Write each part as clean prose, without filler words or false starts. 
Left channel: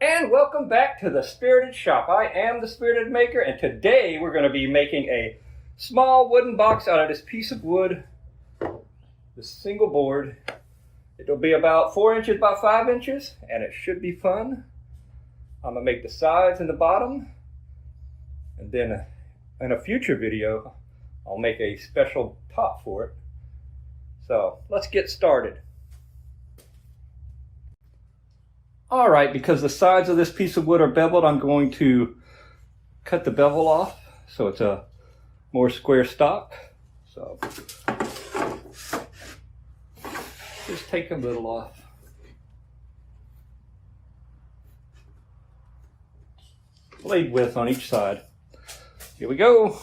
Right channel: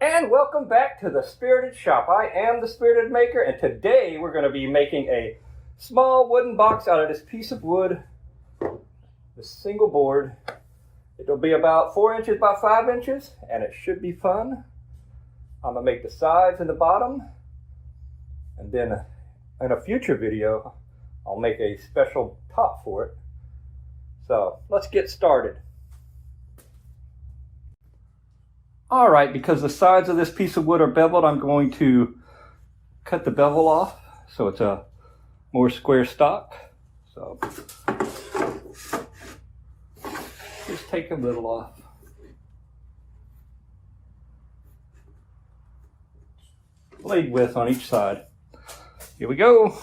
And welcome back to the Spirited Shop. I am the Spirited Maker, and today we're going to be making a small wooden box out of this piece of wood, this single board. It'll be about 4 inches by 5 inches, and it should be fun. I'm going to make the sides and the bottom, and then in a future video, I'll make a special top for it. So let's get started. All right, because the sides of this piece of wood are beveled, I'm going to cut the bevel off so it's a more square stock. So just take a little off. Blade width on each side. Here we go.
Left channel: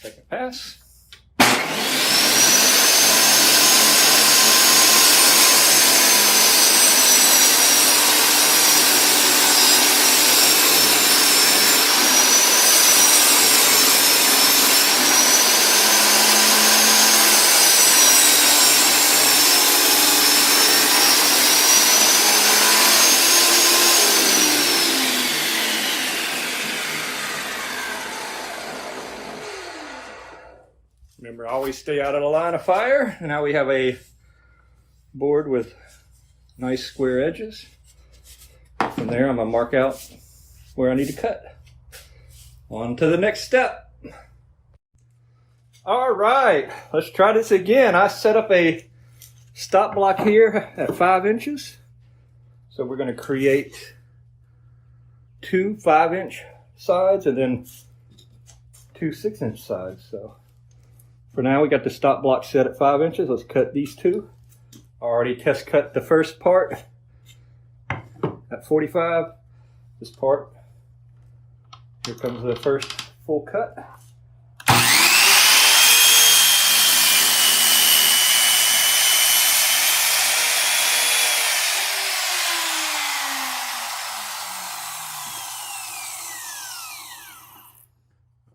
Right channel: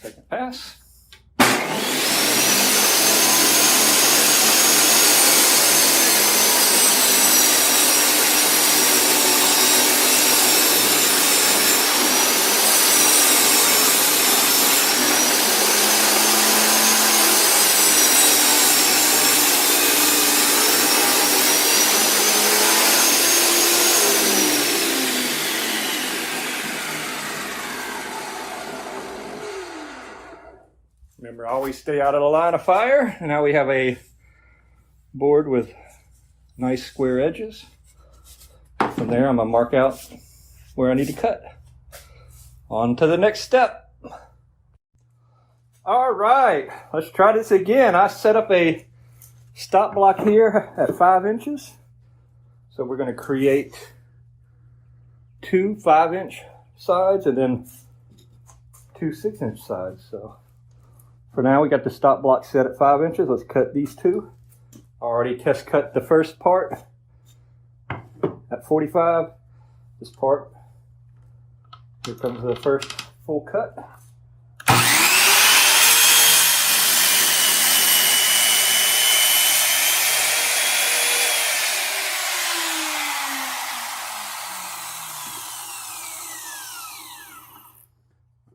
Second pass. Remember, always stay out of the line of fire. Now we have a board with nice square edges. From there, I'm going to mark out where I need to cut. On to the next step. All right, let's try this again. I set up a stop block here at 5 inches. So we're going to create two 5-inch sides and then two 6-inch sides. So for now, we got the stop block set at 5 inches. Let's cut these two. I already test cut the first part at 45. This part, here comes the first full cut.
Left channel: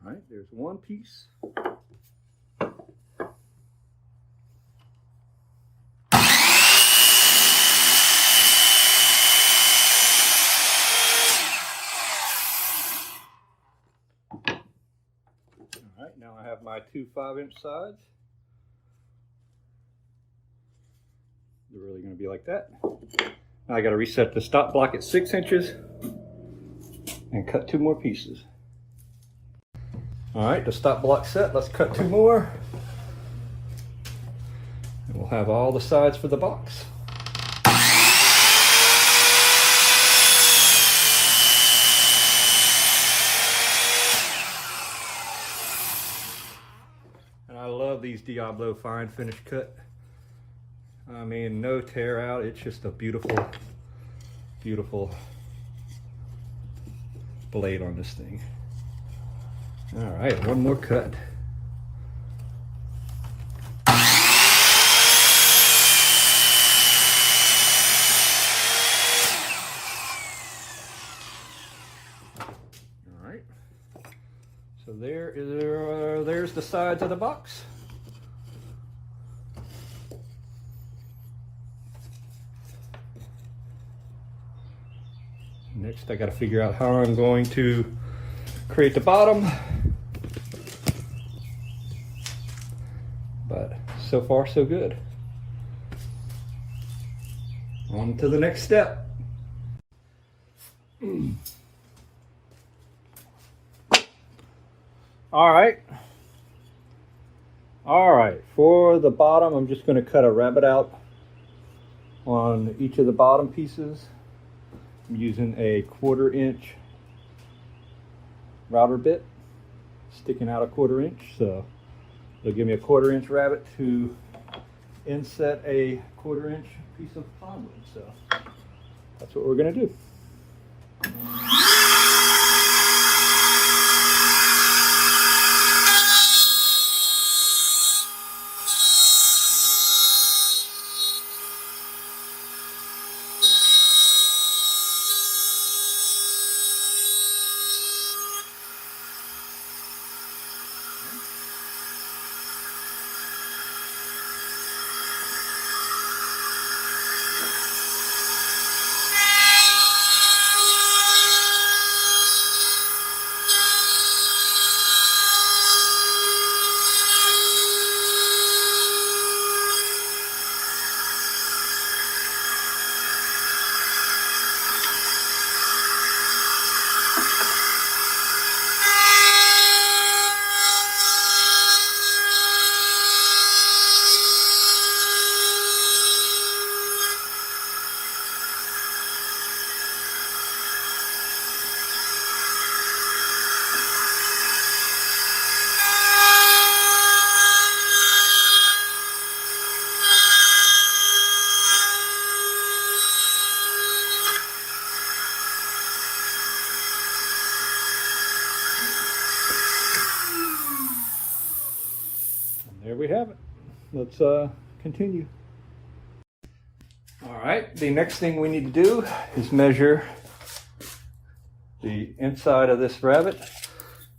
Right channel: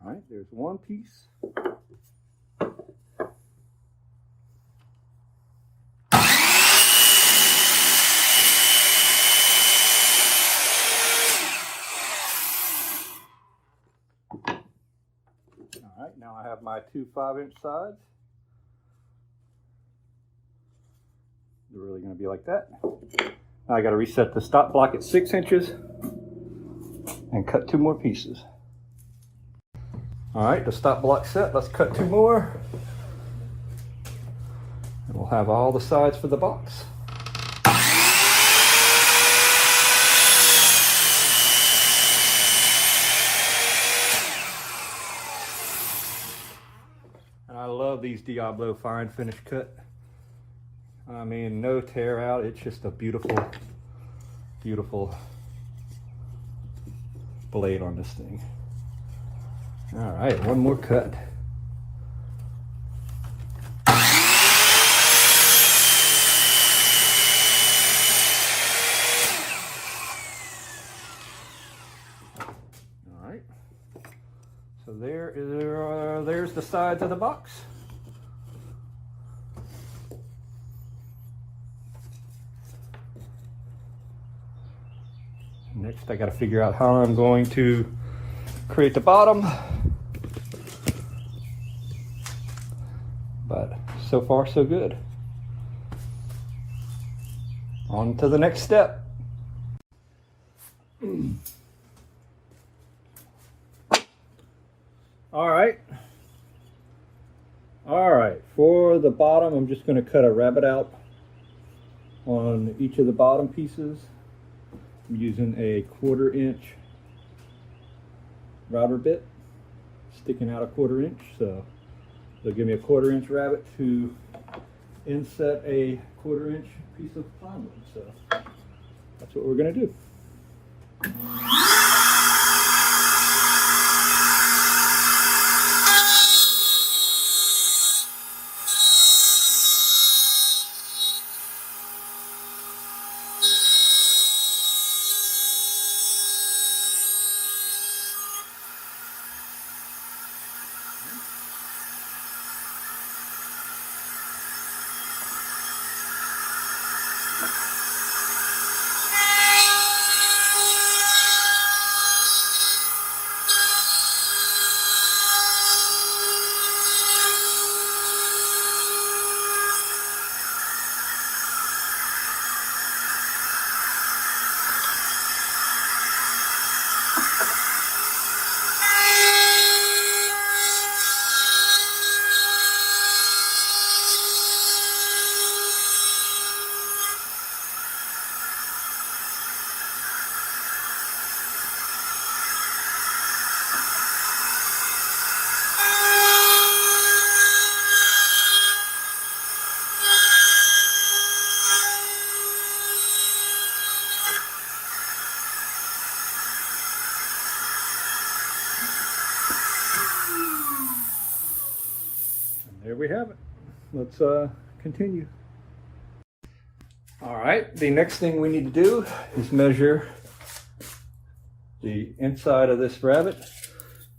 All right, there's one piece. Alright, now I have my two 5-inch sides. They're really going to be like that. Now I got to reset the stop block at 6 inches and cut two more pieces. Alright, the stop block set. Let's cut two more. And we'll have all the sides for the box. I love these Diablo fine finish cut. I mean, no tear out. It's just a beautiful, beautiful blade on this thing. All right, one more cut. All right. So there's the sides of the box. Next, I got to figure out how I'm going to create the bottom. But so far, so good. On to the next step. All right, for the bottom, I'm just going to cut a rabbet out on each of the bottom pieces. I'm using a 1/4 inch router bit. sticking out a 1/4 inch, so they'll give me a 1/4 inch rabbet to inset a 1/4 inch piece of plywood. So that's what we're going to do. There we have it. Let's continue. All right, the next thing we need to do is measure the inside of this rabbet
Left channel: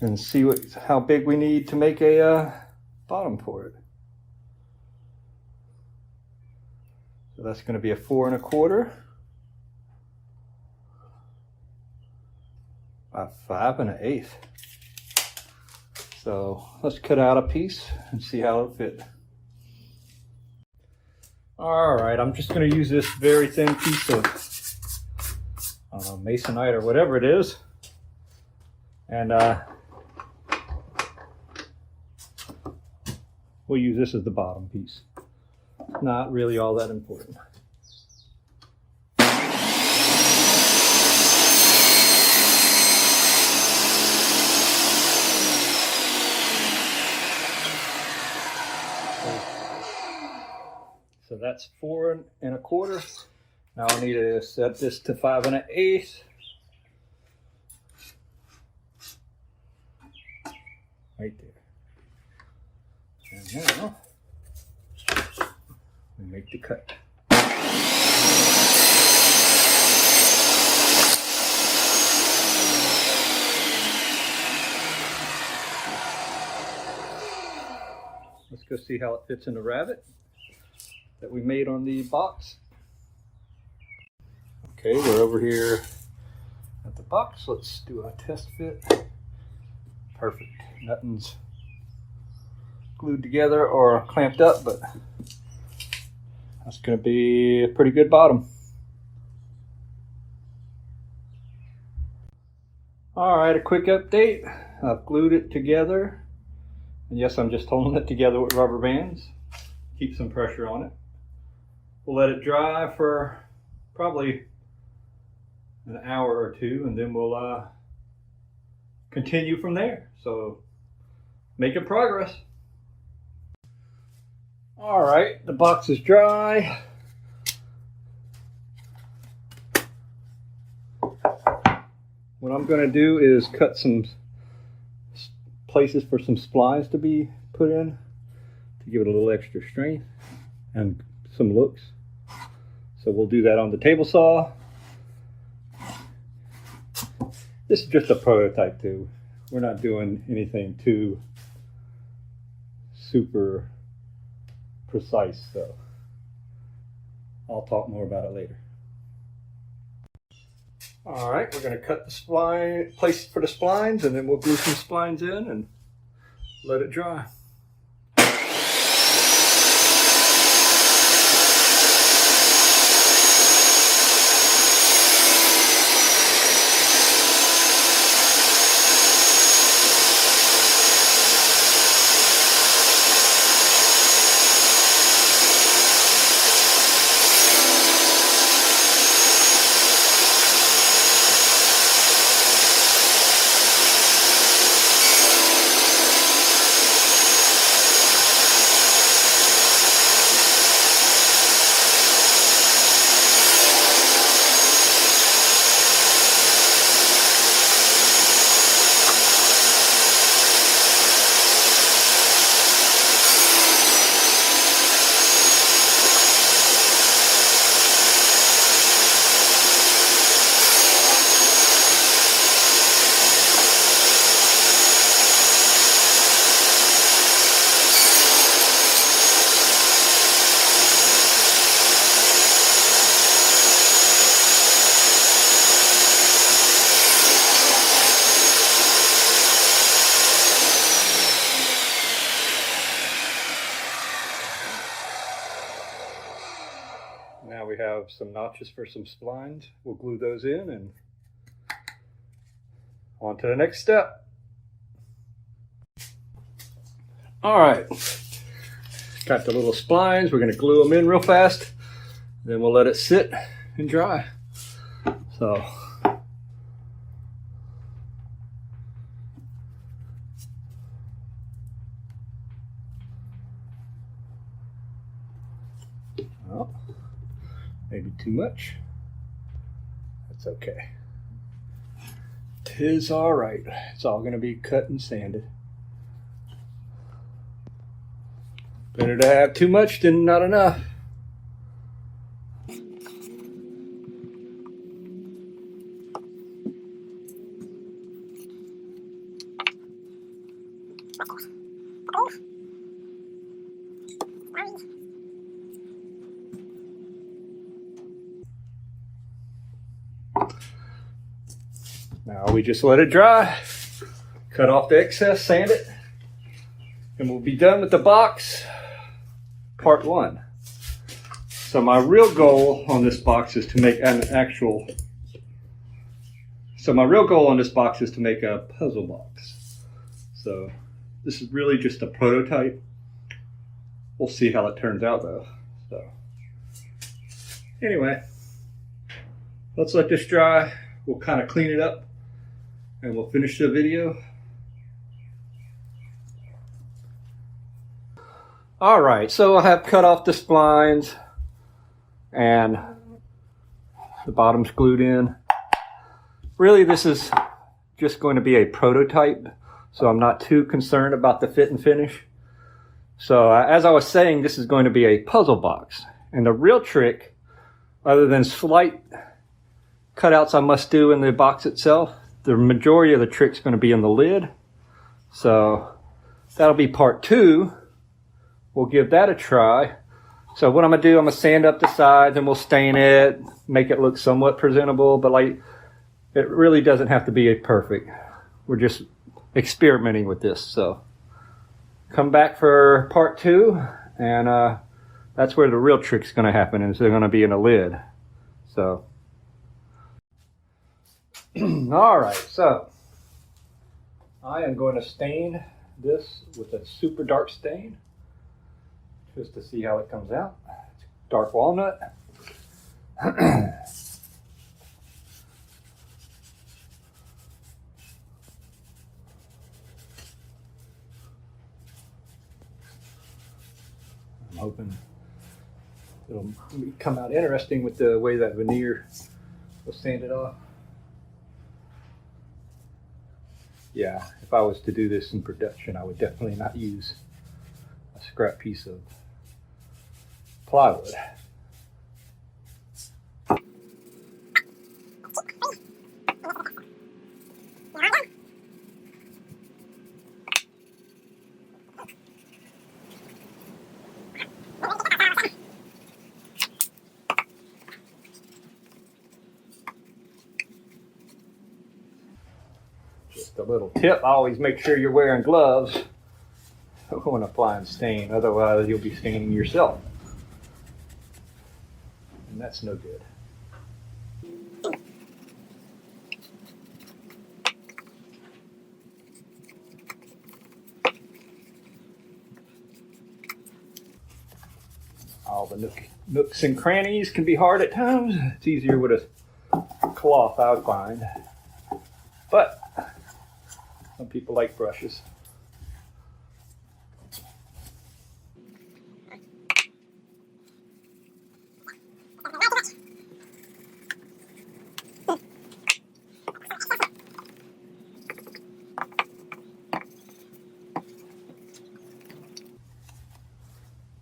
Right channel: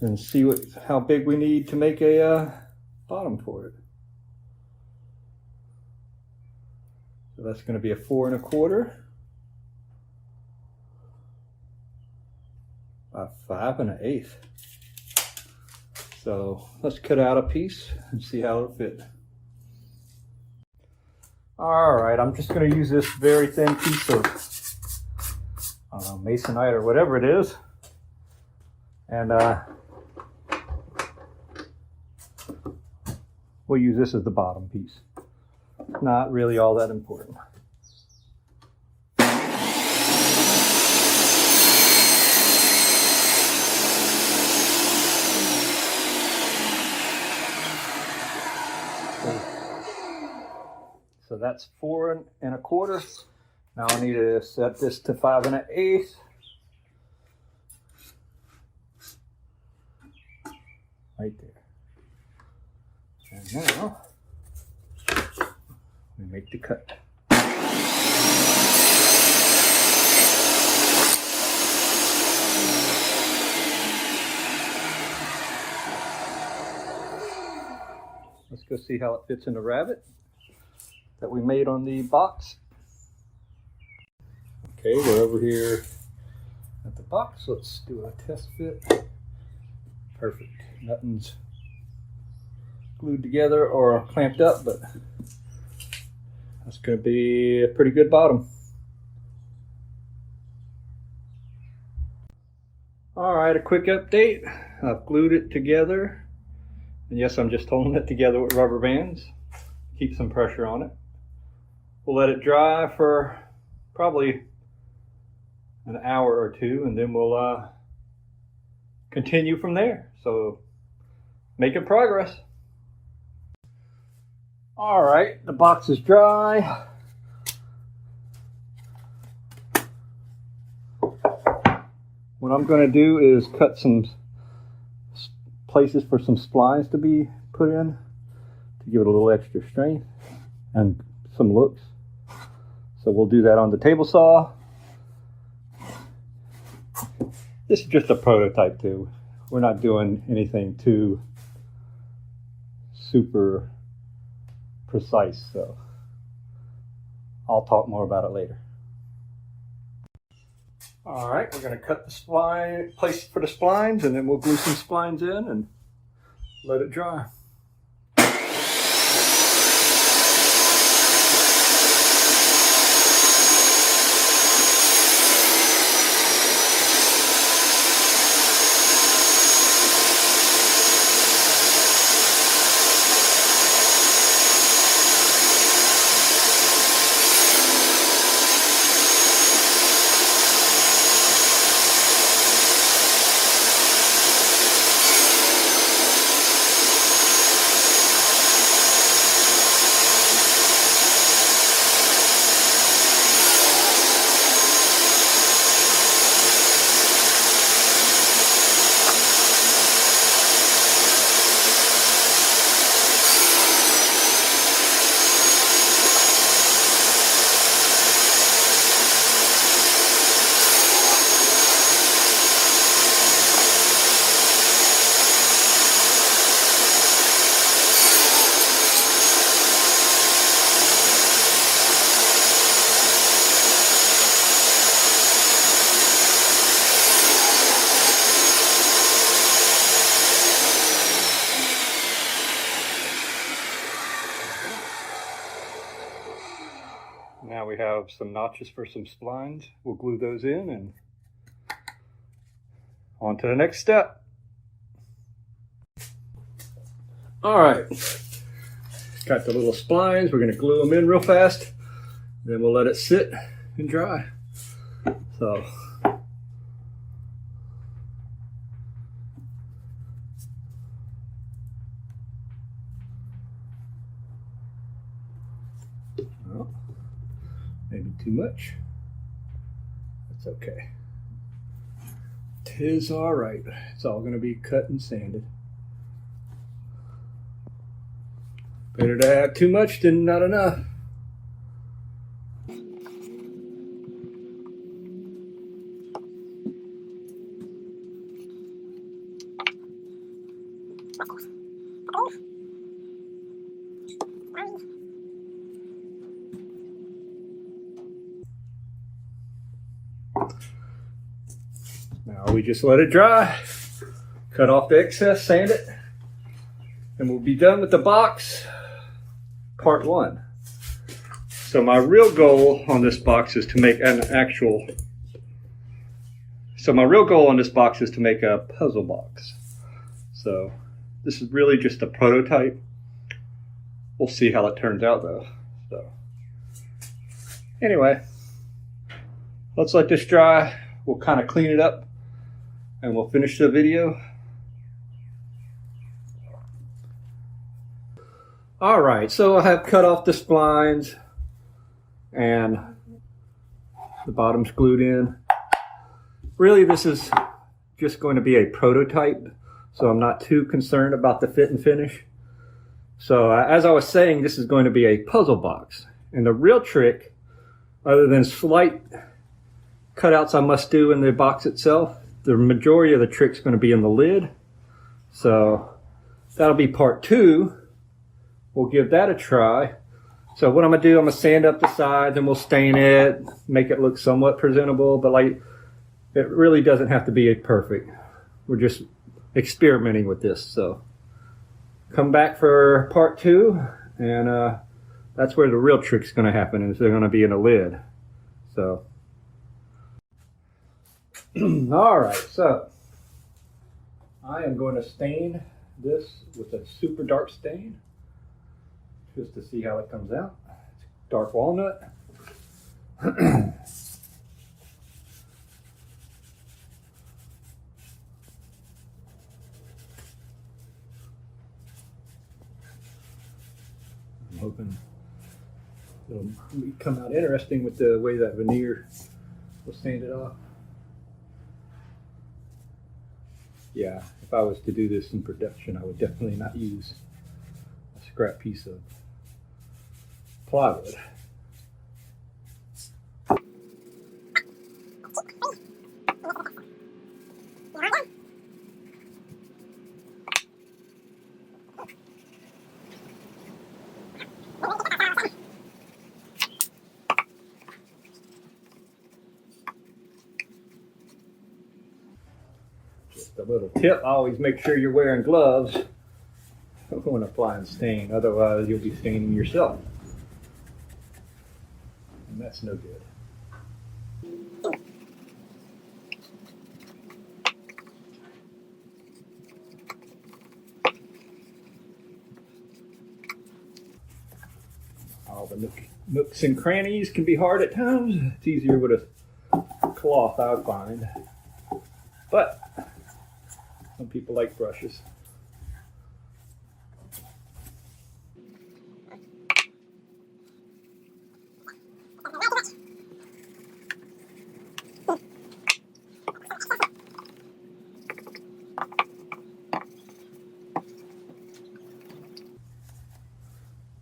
and see how big we need to make a bottom for it. So that's going to be a 4 1/4 by 5 1/8. So let's cut out a piece and see how it'll fit. All right, I'm just going to use this very thin piece of masonite or whatever it is, and we'll use this as the bottom piece. Not really all that important. So that's 4 1/4. Now I need to set this to 5 1/8. Right there. And now we make the cut. Let's go see how it fits in the rabbet that we made on the box. Okay, we're over here at the box. Let's do a test fit. Perfect. Nothing's glued together or clamped up, but that's going to be a pretty good bottom. All right, a quick update. I've glued it together. And yes, I'm just holding it together with rubber bands. Keep some pressure on it. We'll let it dry for probably an hour or two, and then we'll continue from there. So making progress. All right, the box is dry. What I'm going to do is cut some places for some splines to be put in to give it a little extra strength and some looks. So we'll do that on the table saw. This is just a prototype too. We're not doing anything too super precise, so I'll talk more about it later. All right, we're going to cut the spline, place for the splines, and then we'll glue some splines in and let it dry. Now we have some notches for some splines. We'll glue those in and on to the next step. All right, got the little splines. We're going to glue them in real fast. Then we'll let it sit and dry. So well, maybe too much. That's okay. 'Tis all right. It's all going to be cut and sanded. Better to have too much than not enough. Now we just let it dry, cut off the excess, sand it, and we'll be done with the box part 1. So my real goal on this box is to make a puzzle box. So this is really just a prototype. We'll see how it turns out though. So anyway, let's let this dry. We'll kind of clean it up and we'll finish the video. All right, so I have cut off the splines and the bottom's glued in. Really, this is just going to be a prototype, so I'm not too concerned about the fit and finish. So as I was saying, this is going to be a puzzle box. And the real trick, other than slight cutouts I must do in the box itself, the majority of the trick's going to be in the lid. So that'll be part 2. We'll give that a try. So what I'm going to do, I'm going to sand up the sides and we'll stain it, make it look somewhat presentable, but like it really doesn't have to be perfect. We're just experimenting with this. So come back for part 2, and that's where the real trick's going to happen, is they're going to be in a lid. So all right, so I am going to stain this with a super dark stain just to see how it comes out. It's dark walnut. I'm hoping it'll come out interesting with the way that veneer was sanded off. Yeah, if I was to do this in production, I would definitely not use a scrap piece of plywood. Just a little tip, always make sure you're wearing gloves when applying stain, otherwise you'll be staining yourself. And that's no good. All the nooks and crannies can be hard at times. It's easier with a cloth, I would find. But some people like brushes.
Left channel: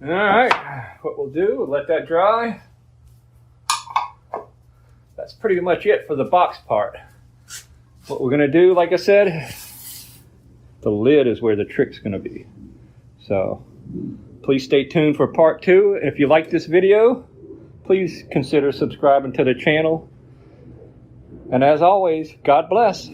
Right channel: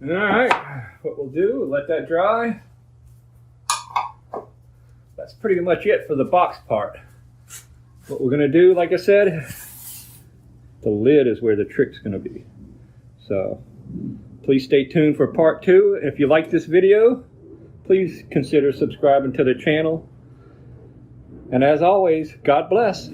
All right, what we'll do, we'll let that dry. That's pretty much it for the box part. What we're gonna do, like I said, the lid is where the trick's gonna be. So please stay tuned for part 2. If you like this video, please consider subscribing to the channel. And as always, God bless.